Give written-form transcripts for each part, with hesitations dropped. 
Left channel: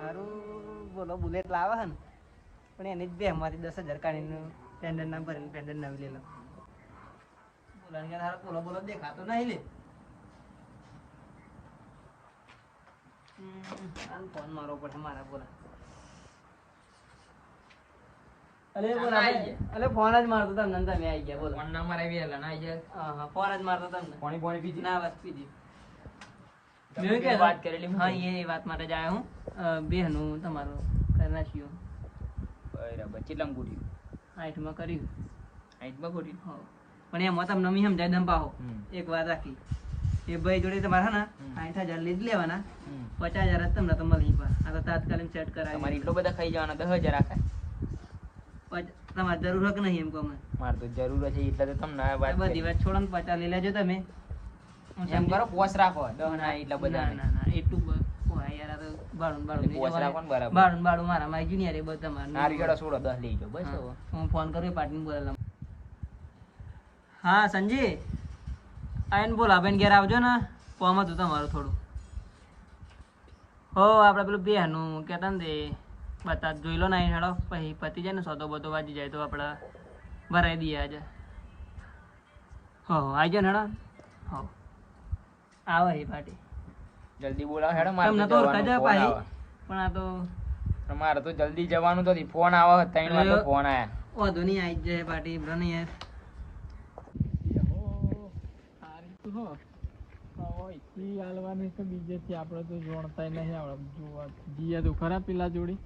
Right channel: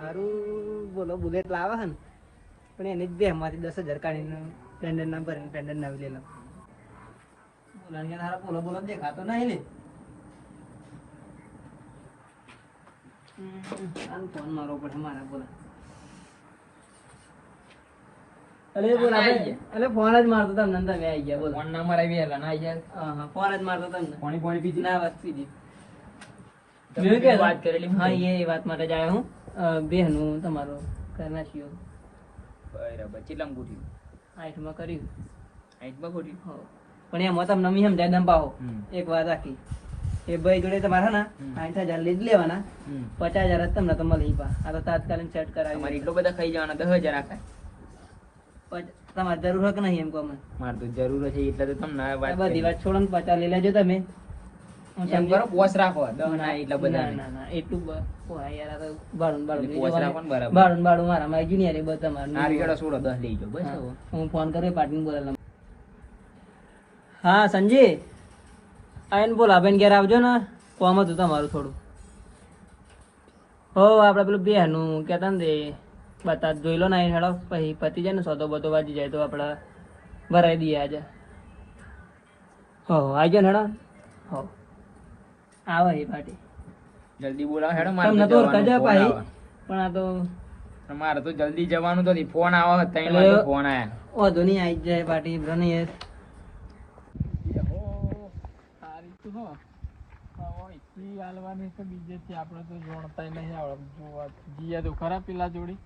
સારું બોલો બુલેટ લાવે છે ને પણ એની જ બે માંથી 10,000 કાઢીને પેન્ડલ ના ભરીને પેન્ડલ ના લે લો બોલા તારા બોલો બોલો દેખાતો નહીં લે ફોન મારવો પડે મારા બોલો અલે બોલ અલે ફોન જ મારતો તમને તમે આવી ગયા બોલો ફોન નંબર આવી ગયા ના આવી ગયા હા ફોન જ મારતો તમને પાણી પીધી ના વાત પીધી મેં કે વાત કરેલી હા એ વાત માટે જ આવ્યો હું બેહનું તમારો કરના છીએ બરાબર ચીલમ ગુડી 8 માં કર્યું 8 માં ગુડી પણ એમાં તમને મી સમજાય દમ પાહો એક વાત રાખી એ ભાઈ જોડે તમારા ના 8,000 લીધ લેવાના 50,000 જ તમને તો મળી પા આ તો તાત્કાલિક સેટ કરાવી તમારે એટલો બધા ખાઈ જવાના 10,000 આખાય તમારે જરૂર હક નહીં એમ કહો મારે તો જરૂર છે એટલે તો તમને બધી વાત છોડો ને 50 લઈ લેજો તમે એમ કરો પોસ રાખો ના એટલા બધા ના એટલું યાર તો બાળું મારા માં આવી ગયું ને યાર તમારે નારિયેળ છોડો 10 લઈ જાઓ બસ હું ફોન કર્યો પાર્ટીને બોલાવલા હા સંજી આઈને બોલા બેન ઘેર આવજો ને કોમ હતું તમારું થોડું હો આપણે પેલું બેહનું કહેતા ને બતા જોઈ લો ને હેડો પછી પતી જાય ને સોદો બધો વાજી જાય તો આપણે ભરાઈ દઈએ આજે હો આવી જાઓ હેડો હો આવે એ પાર્ટી જલ્દી બોલાવો હેડો મારે તમને તો ઓળખા જા ભાઈ પણ આ તો તમારે તો જલ્દી જવાનું તો ફોન આવો તઈ ફોન આયા ઓધો નહીં આવી જાય પાર્ટી બ્રને યાર હાલવાની તો બીજેથી આપણે તો જોણતા નહીં આવડે જોવા જીયા તો ખરા પેલા જોડી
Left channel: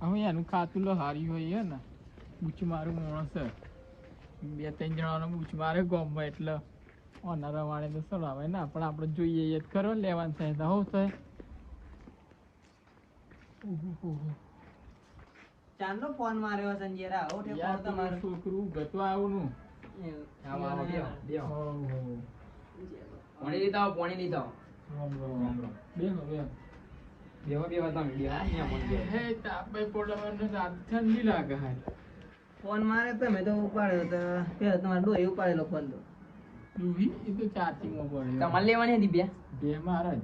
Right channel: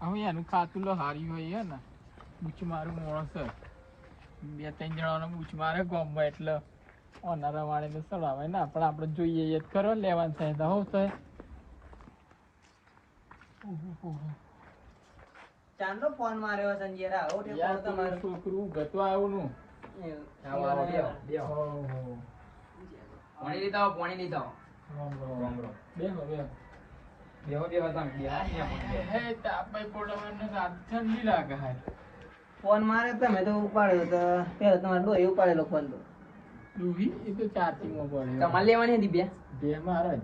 હવે એનું ખાતું લો હારી હોય હે ને બૂચ મારું માણસ છે 2-3 જણાનો બૂચ મારે ગોમમાં એટલે ઓનારા વાળે તો ચડાવે ને પણ આપણે જોઈએ એ જ કરો લેવાનું થાય તો હોવ તો ચાંદો ફોન માર્યો સંજયરા ઓઠે ફોન તમારું છોકરું ગતો આવ્યું નું પાણી લીધા પાણી લીધા બેહો તમે ઠંડી લાગે ફોન મારે તમે તો ઉપાડ્યો તો પેલા તમારે ડોહી ઉપાડેલો ફોન તો ડોહી એ તો ચાર્જિંગ માં પડે તમારે લેવાની હતી બે મારે જ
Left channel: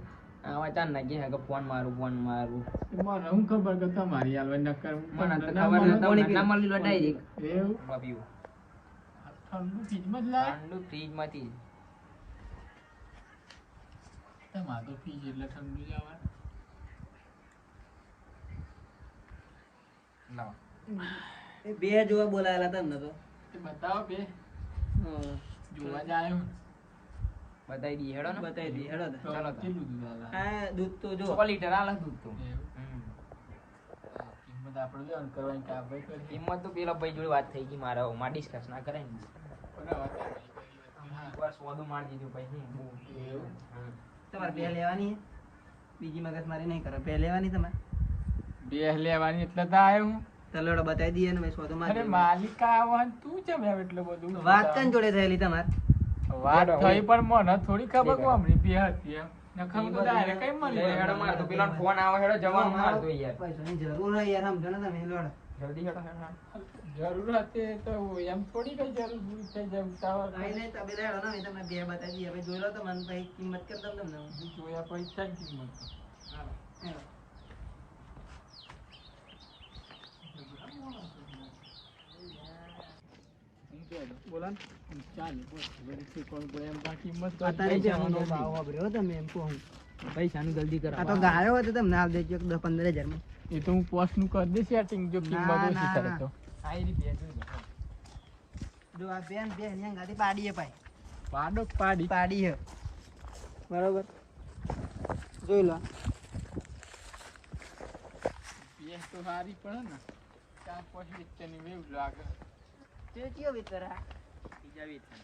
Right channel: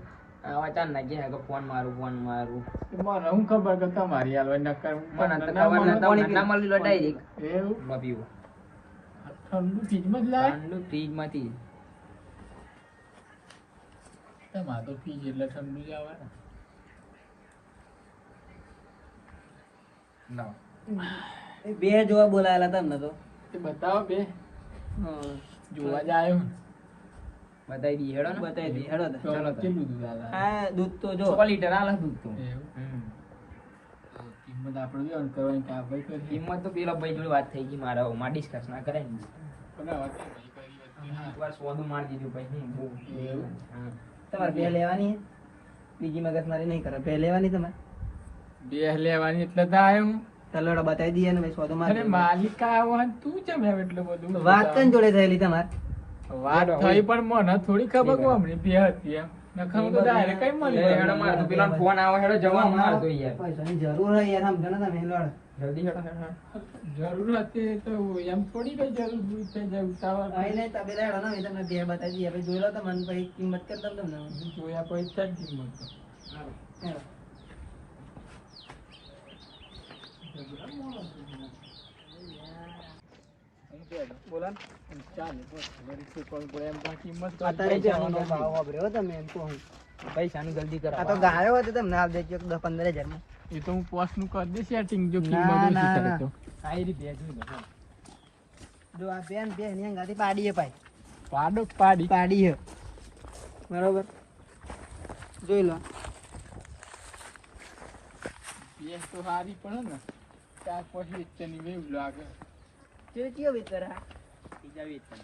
આવા ચાર ના કે ફોન મારું મારે હું ખબર કે તમારી હાલવા નકર ના મળી લો ડાયરેક્ટ એવું પીવું ઠંડુ ફ્રીજમાં જ લાય ઠંડુ ફ્રીજમાંથી તમારે તો ફ્રીજ એટલે ઠંડુ જ આવે ને બે જોવા બોલાયેલા તમને તો બતાવો બે જોવા જ આવ્યો બતાવી દી હેડો ને બતાવી દી હેડો ચાલો કેટલું દૂધ આલે હા દૂધ તો જો 6 લીટર આલે દૂધ તો કિંમત આપણે જો કરવાની કે ભાઈ તો કિંમત તો પેલા ભાઈ જોડે વાત થઈ ગઈ મારા માં ડિસ્કસ ના કરાય ને કોના વાત કરી એકવાર સોદું માર દીધું ભાઈ એવું તમારે બે લેવાની બીજી મગજ મારી નહીં કરે બે લેવાની તમારે બે લેવાની એટલે તો આવ્યો તલડો બતાવી દઈએ ને ભાઈ સોદો માર અરે માલિક આવો ને તું કેમ આવે એટલું બધું વાત કન જોડે થયેલી તમારે વાત થઈ પણ મને થોડી ખબર કો અમને બે હતી એમ નખમ તો ડાયરેક્ટ કઈ મળી હેડો માર તો પેલા ફોન આવે હેડો જવા માર દો યાર પૈસાની જરૂર હે યાર સમજો ને તમે હેડો જલ્દી હેડો જરૂર હતી તો એમ થોડી કઈ જરૂર દૂર થઈ જાય ઉતાવળ આઈ ને તબે હેડો ને તમને બે બતાવી દઈએ ભાઈ જોઈ લો તો મને ભાઈ કિંમત કર દમ તમને જોયા પૈસા કિંમત હેડો બોલા ચાલે બસ કોણ બોલે એમ કિંમત અત્યારે જવાનો ભાવ વાપર્યો તમે એમ કહું પૈસાની જલ્દી કરાવો આ તો ગાયો હતો તમને આપ દેજો 10-15 માં એ તો હું પોસ્ટ નું કરી દે સેટિંગ જો કિંમત ઓછી કરે તો આઈ રી ભેજું ને જો આ બેન ની ગાડી પાડીએ ભાઈ પાડી હે બરોબર જોઈ લો એ તો હારી પડે ને 4-5 ની વેવ લાગે તે કયો વેતર હા બીજા વેતર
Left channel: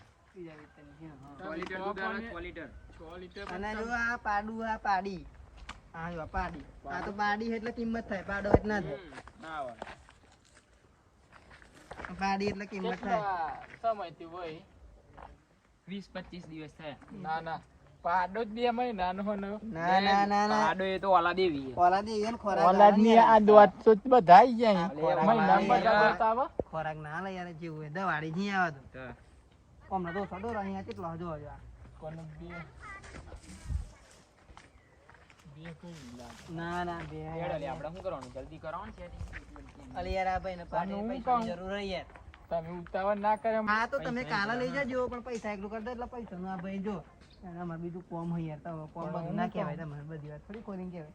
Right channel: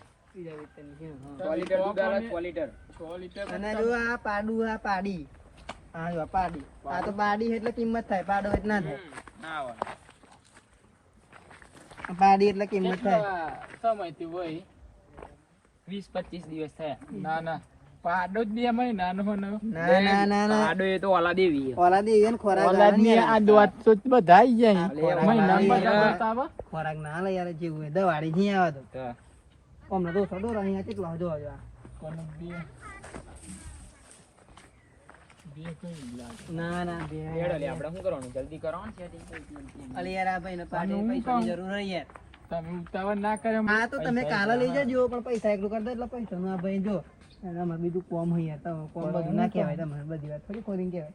છે હા 6 લીટર દૂધ આલે 6 લીટર અને જો આ પાડું આ પાડી હા જો પાડી આ તો પાડી એટલે કિંમત થાય પાડો એટલે ના થાય ના પાડી એટલે કિંમત થાય સમયથી હોય 20-25 દિવસ થાય ના પાડો જ ની અમે નાનો ના પાડો એ તો ઓલા દેવી ને ખોરાક ઓલા ની આ દોત તો બધા આવી જાય મહિના બતાવા ખોરાક ના લે યાર જેવું હોય દવાડી નહીં આવે તો અમને તો સડો અહીંયા કેટલો જો આ કોને બે ના ના હેડો લે આપણે શું કરવાનું જલ્દી કરવાનું સેટિંગ અલી યાર આ ભાઈને પાર્ટી પૈસાની જરૂર હે યાર તમે ઉતાવળ ના કરે હા તો તમે કાલે લઈ જજો પણ પૈસા એકલું કરી દો એટલે પૈસાનું આ ભાઈ જો અમારે બીજું કોમ હોય યાર તો કોમ બધું ના કહેવાય તમારે બધી વાત થોડી ખોરીને કહેવાય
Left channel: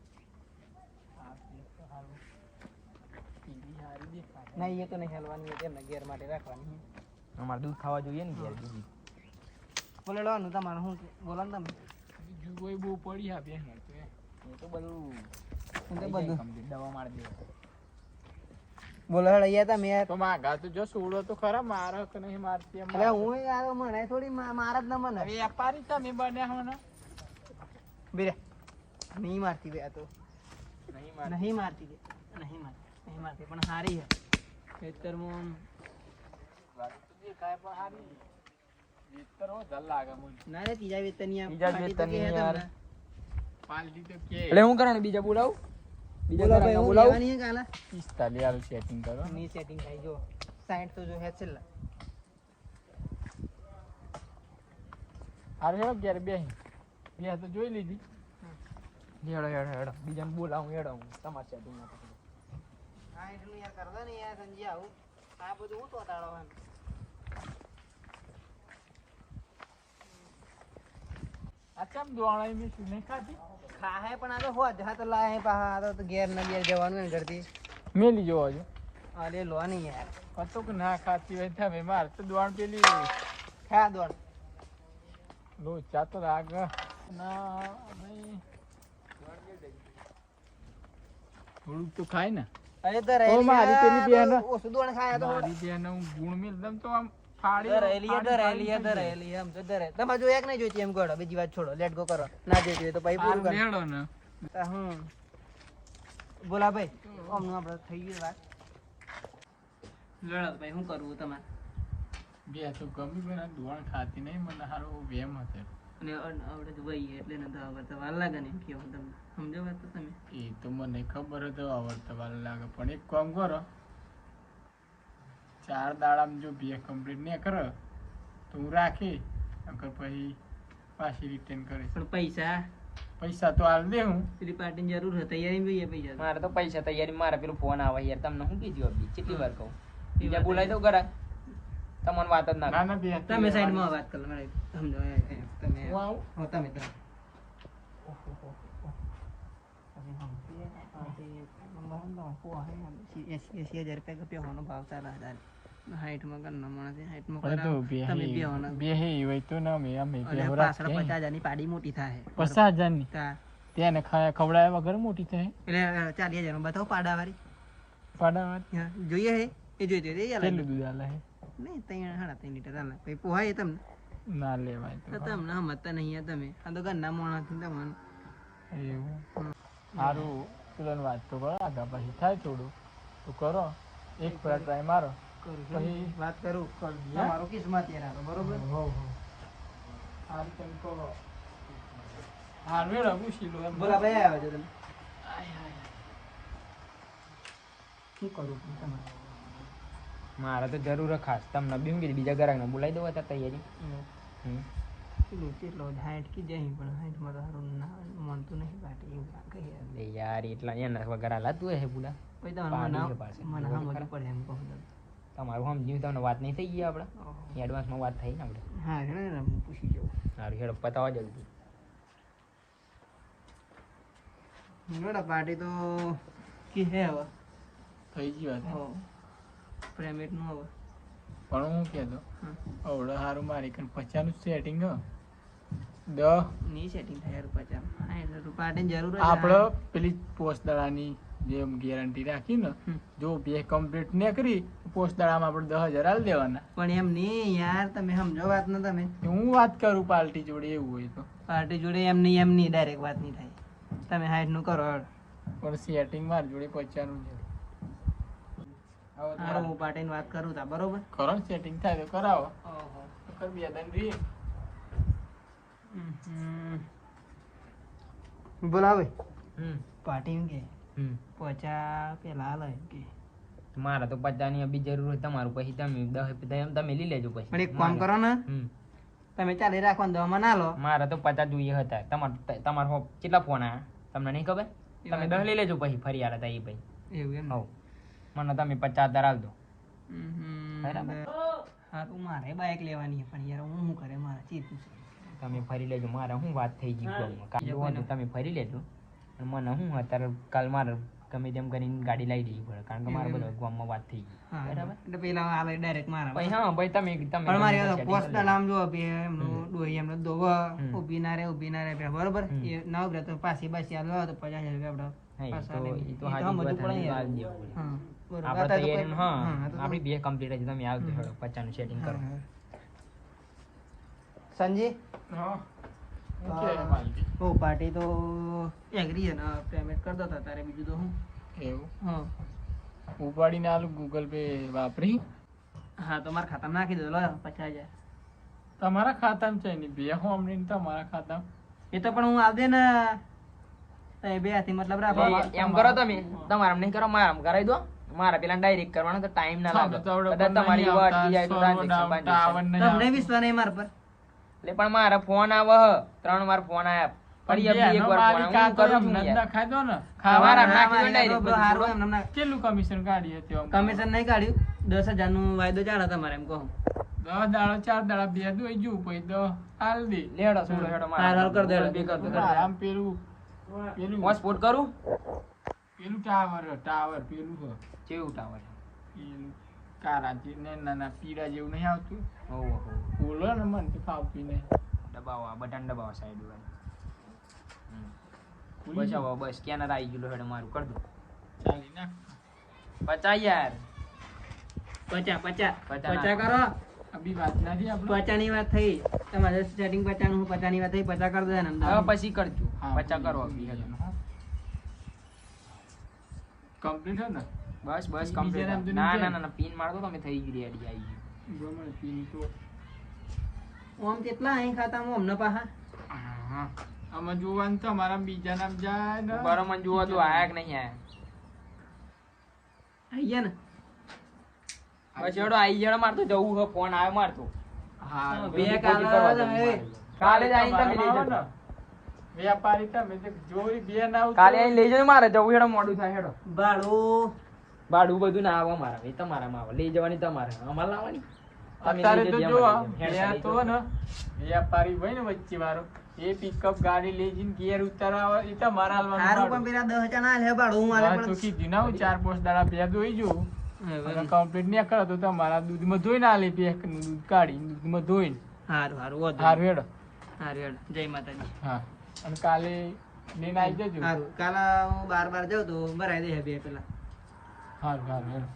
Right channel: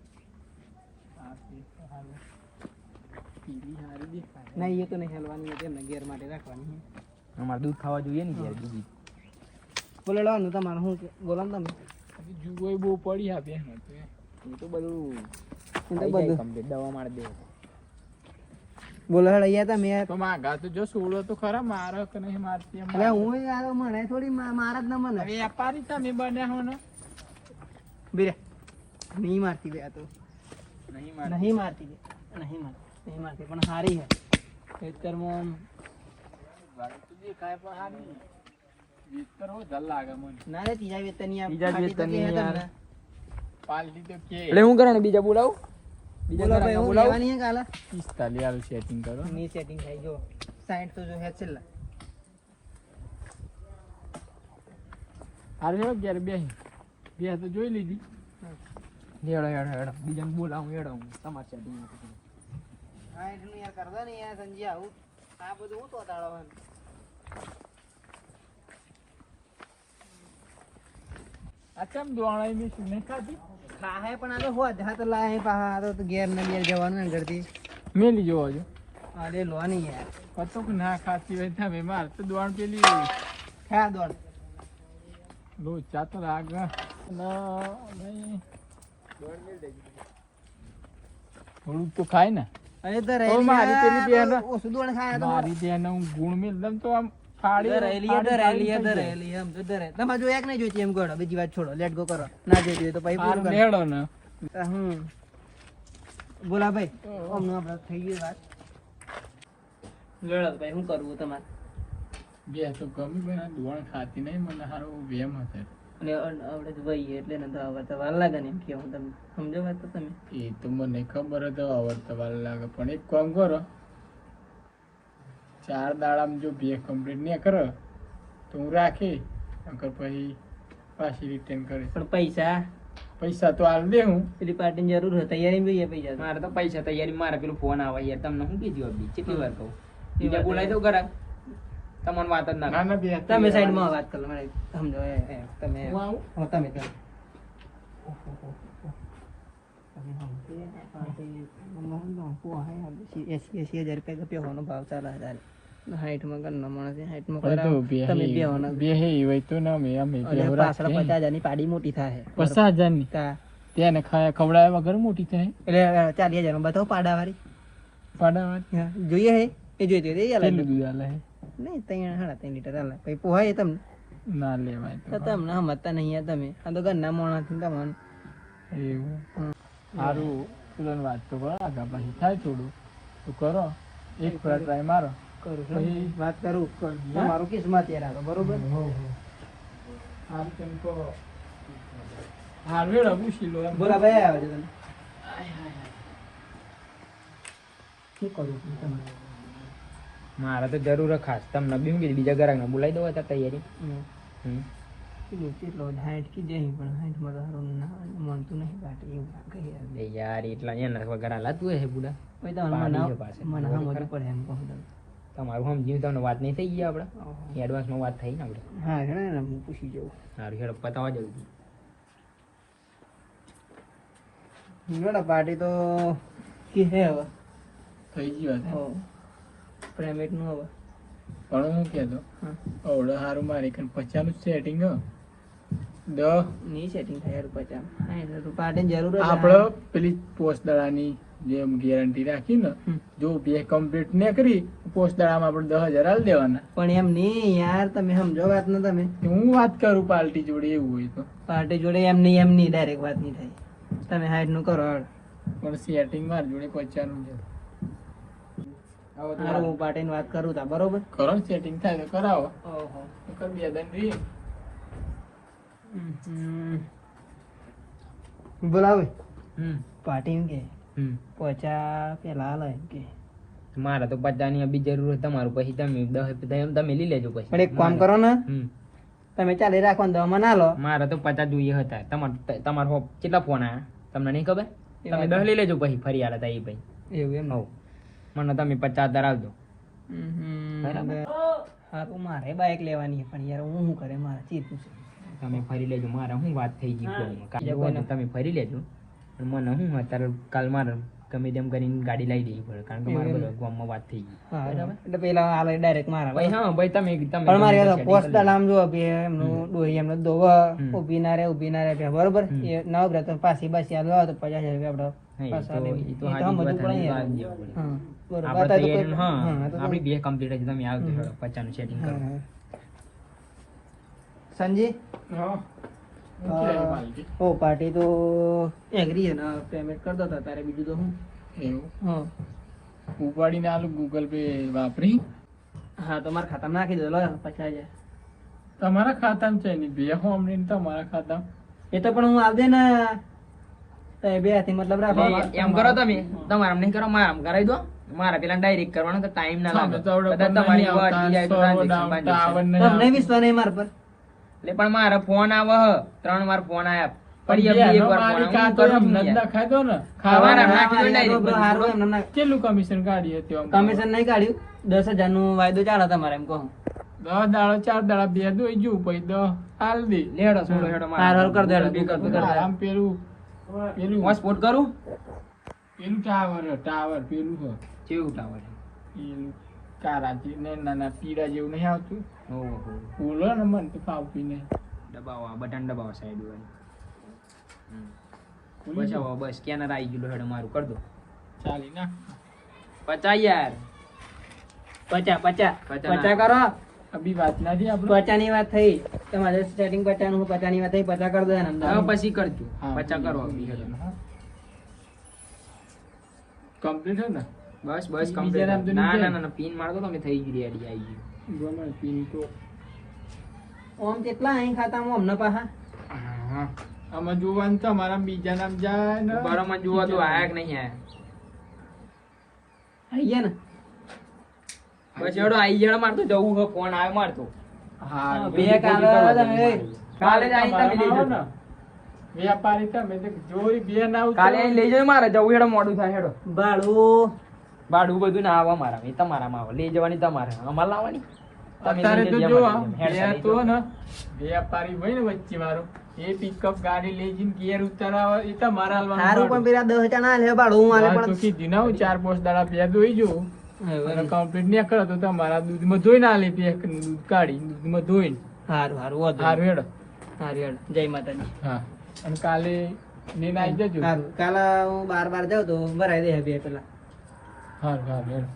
ના એ તો નહીં હેલવાની એમને ઘેર માટે રાખવાની અમારે દૂધ ખાવા જોઈએ ને યાર બીજી બોલે લેવાનું તમારે શું બોલો ને તમે જુઓ બહુ પડી આપે એ તો બધું કમ્પ્લીટ દવા મારી દે બોલો હળૈયા તમે યાર તો માગા તો જો સોડો તો ખરા મારો કે નહીં મારતી એટલે હું યાર મને થોડી મારા જ ના મને વેપારી તમે બન્યા હો ને બેરે નહીં મારતી બે તો નહીં મારતી નહીં મારતી પણ સારી હે ખેતરમાં જે કાય પણ હારી વિતર હો જલ લાગે મને ના રે ત્રીજા વેતની યાર પાલટી તો કે એટલે હું કરવાનું બીજા બોલાવ બીજા કરાંગા બોલાવ લેવાની કાલે 45 આવી સેટિંગ કરો ની સેટિંગ થાય જો 60 તો જો હે છેલ્લા હારે હો ઘેર બે તો જોઈ લીધી હેડો બીજાને બોલાવું હેડો હું તમારે સેટિંગ હા એટલું યાર કરતા ને યાર સંજી આવું આ બધું હું તો તાળવાનું અચમ દોણાઈ મે સુને ખાધી ખાહે પણ આ તો હોદ હાથ લાય પા તો ઘેર ના ઘેર જવાનું ને કરતી મેલી જોવો જો અરે લોની યાર કતો કે ના ખાતી હોય તમે માર તો દોણ પેલી ખા દોડ લો ચાતો લાગ ના નહીં દોણ મેલ દે થોડુંક તો ખાય ને અરે તો રેલી મારી પેલી બેન ઓ સુદોણ ખાયા તો મારી બેન હું ગુણ મેલ દમ તો આમ ફાડી રેલી એમ તો દરે તમે જો એક નહીં જોઈતી એમ ગોળો બીજી વાત છોડો લેટ ગો કરો ના જોઈતી તો પછી પૂરું લેડો ને હું બોલા ભાઈ અમને આપણે થઈ ગઈ વાત લેડો ભાઈ શું કરવું તમારે બે તો ગમી ગયો દોણ ખાતી નહીં મને હારો વેમ હતો અને આપણે તો ભાઈ એટલે ને તો આવડતા વાર લાગે ને એમ કે હું તમે સમજો વાત તો તમે એ તો મને ખબર હતો આવડતા વાર લાગે પણ એક કામ કરો 4 દાડામાં જો બે કમ્પ્લીટ નહીં કરો તો હું રાખી નકર પછી પાછી રિટર્ન કરીશ પણ પૈસા તો હાલ દે હું પેલી પાર્ટીની જરૂર હોય તૈયારી જોઈએ પૈસા મારે તો પૈસા તૈયારી મારે પેલું ફોન આવે યાર તમને શું કીધું આપી કેટલી વાર કહું બીજા બોલાવી દઉં કરા તમને વાત જ ના તમે સાઈડમાં વાત કરો સમજો તમે તમે રૂપિયા ભાવ ચાલે 60 માણસ 60 બે હે હોય તો ના મે અમે પાછળ 50,000 ની પાડી મોટી થાય 50,000 ની તેને ખવડાવ્યા વગર મોટી થાય એટલે 40,000 નું બતાવો પાડા વાળી જોઈએ હે એ જોઈતી દૂધ આલે નહીં 3.5 લીટર આલે પછી પોહાય તમને ના લેવાય તો તમને સમજતા નહીં તમે આ તો ઘરના માણસ તમને એવું સારું તુલન વાત તો કરો આગા પછી થાય થોડું તો કરો એક ફરા ટ્રાય મારો કરું વાત કરું તમારું કિસ્મત યાર આ બરોબર હાલ તેમ કો હાલ રે રબુ શીલો બોલા ભાઈ આવે છે તમે શું કરું તમારે મારે તો જરૂર ખાસ તમને બીજા ગ્રાહકને બોલાવી દો હતા તૈયારી પેલું કેટલો 60 કી જઈ પણ 60 માં તો સારું ના માનતું નહીં પાટી એવું લાગે યાર એટલા એના વગર લાતું હે બુડા કોઈ તો મને સમજવું પડે એમ કહું તમે તમારું સમજીને તમને વાત નહીં થઈ ગઈ આપણે એડવાન્સમાં વાત થઈ ને આપણે હા હેડો ને હું પૂછી જાઉં સારું હેડો પતાવવા જવું હેડો પાર્ટી તો કે હે હવે થઈ ગયું હતું પ્રાઇવેટ નું હવે પણ હું કહેતો ઓવડો સારું મારી કન 50 નું સેટિંગ હ 10 ની સેટિંગ થાય 50 હા તો પાર્ટી જરૂર છે આપણે પેલી પોસ્ટદાળાની જેમ ગેરંટી રાખી ને જો બે કમ્પ્લીટ ન કરી પોસ્ટદાળામાં આપણે 10,000 આલ દેવાના પણ એમ નહીં યાર તમે સમજો વાત ને તમે હું વાત કરું પાર્ટી જોડે એવું હોય તો પાર્ટી જોડે એમ નહીં ડાયરેક્ટ વાત નહીં થાય તમે 60 નું કરો પણ સેટિંગ માર જોડે 50 નું છે હારું હું પાર્ટીની વાત કરું તા બરોબર કરો સેટિંગ થાય તો કરાવો કર બે દન રી બોલાવે પાર્ટી કે 50 પેલા હાલ કે મારે તો 50 ની બી જરૂર હોય તમારું પછી તમે 10 તમે લઈ લેજો પછી પણ એક કામ કરો ને તમે ચાલી રાખવાનું દવામાં ના લો મારે તો 50 જોઈએ હતા તમારો કેટલા ફોન આયા તમને નહીં ખબર? તમે 10 લઈ લેજો પછી ફરી આલે તા એ ભાઈ. એવું એમ ને? હઉ. મને તમે 50 ધરાવજો. બરાબર. હારું મારે બાઇક લેવાની છે પણ યાર હું શું કરે મારે ચીતું છે. તમે ફરી લેજો. મારે શું વાત થઈ ગઈ ગામમાં. કાલે કોઈને તમે ફરી લેજો. અને મને શું અત્યારે કાલ મારે ગમે તેમ કરીને ગાડી લઈ દેવી પડે કારણ કે મારે બધો ગામમાં વાત થઈ ગઈ. હા એટલે પેલા હાલ ડાયરેક્ટ મારા ભાઈ હા ભાઈ તમે પણ મારી વાત પોસ્ટ નામ જો એમનું ડોહી એમને દોવા ઊભી ના રહે બરોબર એ ના ઉભરે તો પાછી બાસી હાલ તો 50,000 રૂપિયા આપણે પાછા લેવી. એ તો સમજવું પડે યાર. હા બરોબર આ તો કોઈ હા આ તો આપણી બે કમ્પ્લીટ જ તમે આવજો 50 નું સેટિંગ કરો. સંજી હા ઓ પાર્ટી તો એગ્રી છે ને પેમેન્ટ કરી દો તારે બીજું તો હું એવું હા ઉપાડીને આલું ગૂગલ પે વાપરી હા તો મારા ખાતામાં નાખી દો લો 50,000. તમારા ખાતામાં છે ને બે હોમ ને તમારા ખાતા એ તો પણ હું આવ દે ને તો એ બે હાથી મતલબ રાખો. એમ કરો તમે તમારે નહીં કરો મારે આમ કરાવી દો. મારે પેલા ડાયરેક્ટ કરવાનો તો ટાઈમ ના લાગે. કદાચ તમારી વાત બીજા તો તમને વિશ્વાસ નહીં મારા પર એટલે પણ મારે ફોન આવે 3 વાર ફોન આયા કેટલું કમિશન કાઢ્યું કમિશન નહીં કાઢ્યું 10,000 નું વાયદો ચાલે તમારે એમ કહું 10 દાડા 4 દાડા બે દોઈ જુ પછી 10 હાલ દે લેડો સોડો હેડો હાર કર દે આમ પેલું સ્પોર્ટ કરું પેલું ટાવર પેલું હો કેવું ટાવર પેલું કારાજી ને નાના પીડા જેવું નહીં આવતું ઓહો બોલો ને મન તો ફાવતું ને દબાવો બટન દબાવો સાઈડ વાળી બસ બસ સ્કેનર આવી ગયું હેડો મારું કરી દો ચાલી નાખ 50 યાર 50 કરો અભી વાત નથી આપણે 50 ની વાત થઈ તમારે સેટિંગ 50 નું 50 ની વાત થઈ 50 કરી દો એના અંદર. હવે પછી કરજો હા, 50 કરો અભી હેડો કમ્પ્લીટ હે ને બસ બસ બીજા કમ્પ્લીટ નામ તો ના નહીં ના ના પિન માર દો તમે થઈ ગઈ રેડી આવી ગયું ગમે પિન તો ઓમ કેટલા અહીં ખાતામાં અમને પાહા હા આમાં જોવાનું તો મારા બીજા નામ જાય ને બરાબર જુઓ તો આયા કે નહીં આયા આઈ ગયા ને બસ હેડો આવી જણ મારતો જવું હે ફોન આવ્યો મારતો હા બે કાલે કાલે જ આવીને તમે લઈ જજો. વ્યાપારી તમે તો જોરી બે નાવ કાલે આઈને લઈ જજો મારે જવું હેડો મોડું થાય હેડો ભાડું ભાડું બધું ના આવે મારા એ તમારામાં આવે લઈ જવાની તમારે અમારે લાવવાની તમે અત્યારે લઈ તો જજો જો અમારે. હેડ બે તો ને વ્યાપારી ભાઈ ને વચ્ચે મારો એ પિકઅપ ગાડી લઈ જઈને ઘેર ઉતારવા એ તો મારા સારું પણ પેલા 10,000 ના લે ભાડું હું આલે પણ કીધી ના 4-5 દાડા પે દોઈ જો કમ્પ્લીટ નહીં કરો તો તમારા દૂધમાં ધોઈ ના લે પેક નું દૂધ કાઢી દૂધમાં ધોઈને સારું હારું હેડો સારું જય માતાજી. હા અને કાલે લઈને આવી જજો સારું કાલે હું બાર જાઉં તો ભરાઈ દે બે પેલા હારું હેડો